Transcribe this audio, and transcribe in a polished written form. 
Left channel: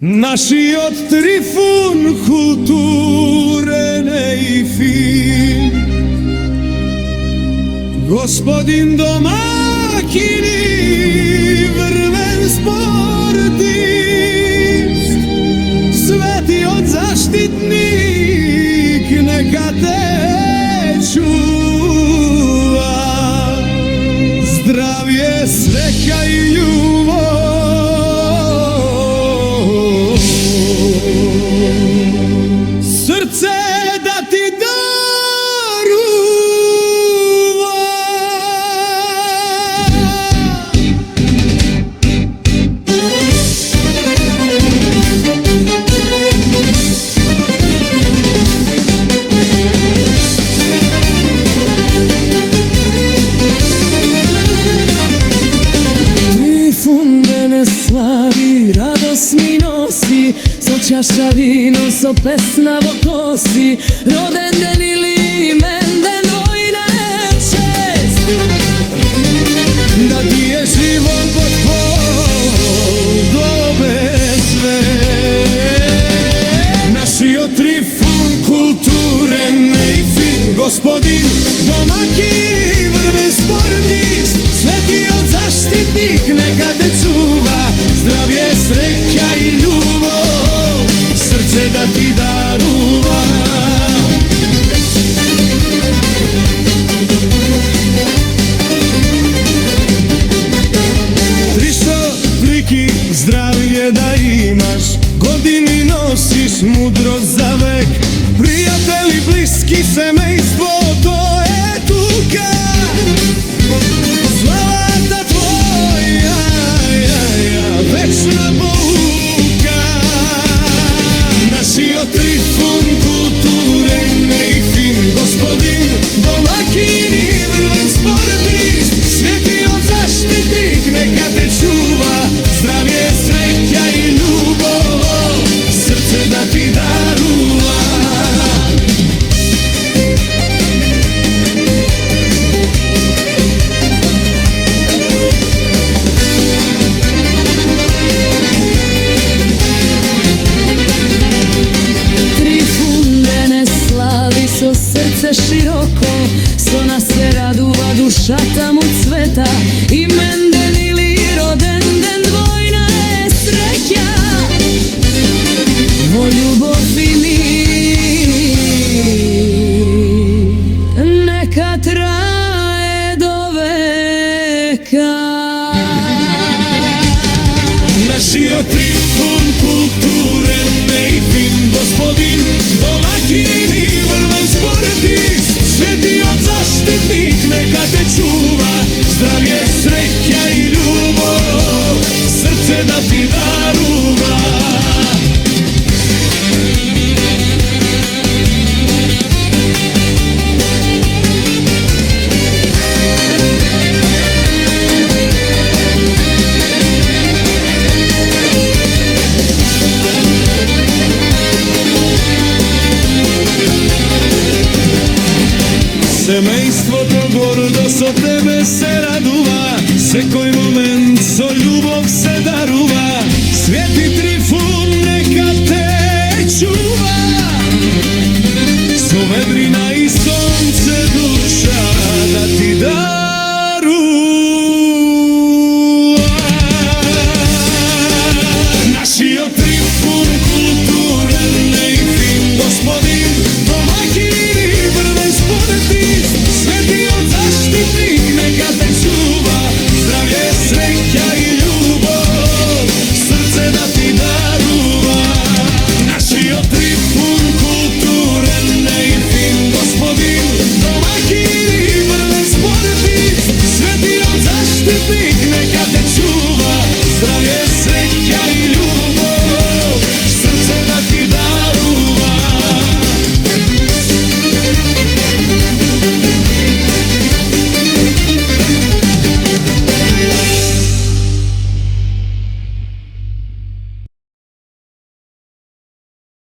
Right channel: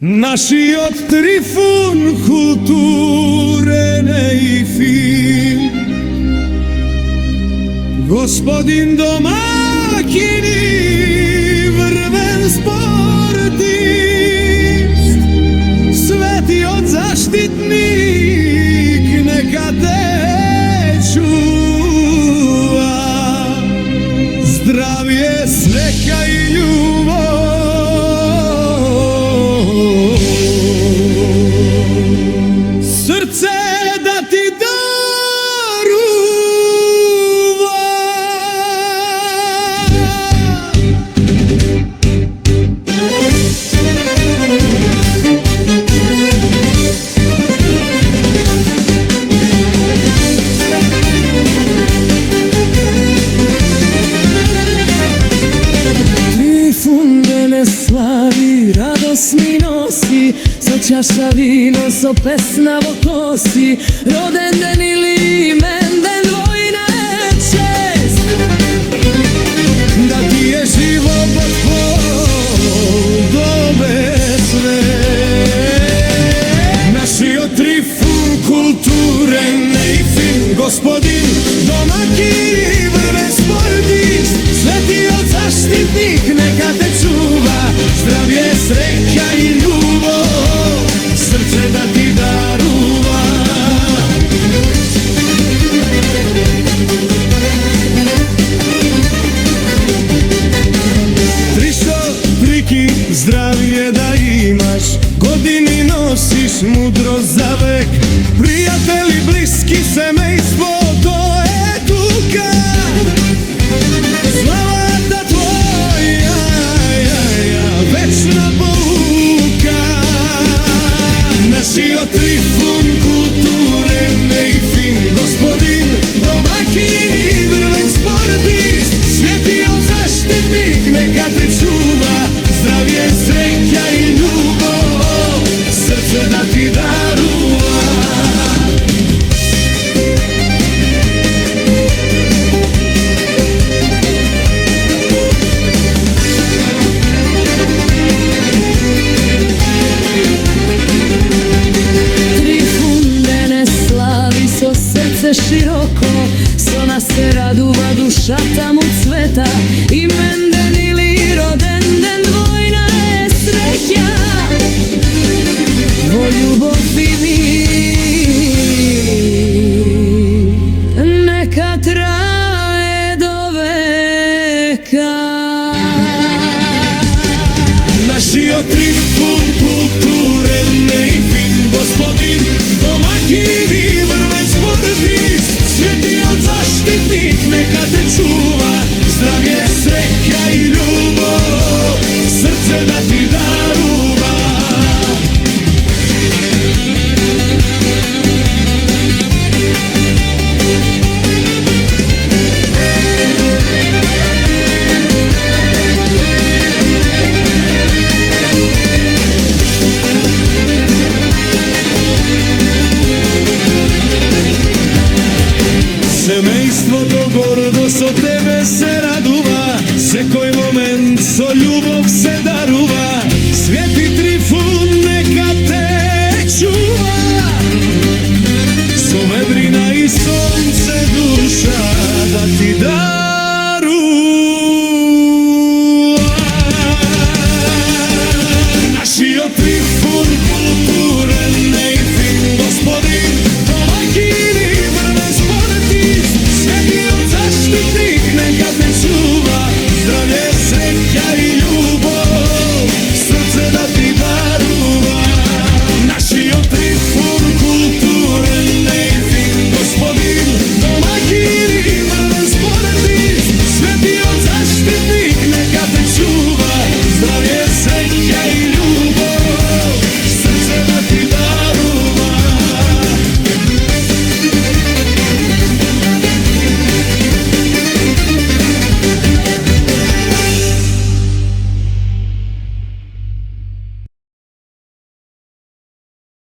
Naši od Trifun kulture ne i fin, gospodin domakini vrven sportist, sveti od zaštitnik neka te čuva, zdravlje, sreća i ljubav. Srce da ti daruva. Trifun ne slavi, radost mi nosi, so čaša vino, so pesna vo kosi, roden den ili menden dvojna je čest, da ti je život od pol dobe sve. Naši od Trifun kulture ne i fin, gospodin domakin vrben sportist, sveti od zaštitnik neka te čuva, zdravlje, sreća i ljubav, srce da ti daruva. Trišo, triki, zdravlje da imaš, godini nosiš mudrost za vek, prijatelji, bliski, semejstvo, to je tuka. Slava ta tvoja, večna pouka. Naši od Trifun kulture ne i fin, gospodin domakin i vrven sportist, sveti od zaštitnik neka te čuva, zdravlje, sreća i ljubav, srce da ti daruva. So srce široko, so nas se raduva duša tam u cveta, i menden ili roden den dvojna je sreća, vo ljubov i mir neka traje do veka. Naši od Trifun kulture ne i fin, gospodin domakin i vrven sportist, sveti od zaštitnik neka te čuva, zdravlje, sreća i ljubav, srce da ti daruva. Semejstvo to gordo so tebe se raduva, sekoj moment so ljubov se daruva, sveti Trifun neka te čuva, so vedrina i sonce duša da ti daruva. Naši od Trifun kulture ne i fin, gospodin domakin i vrven sportist, sveti od zaštitnik neka te čuva, zdravlje,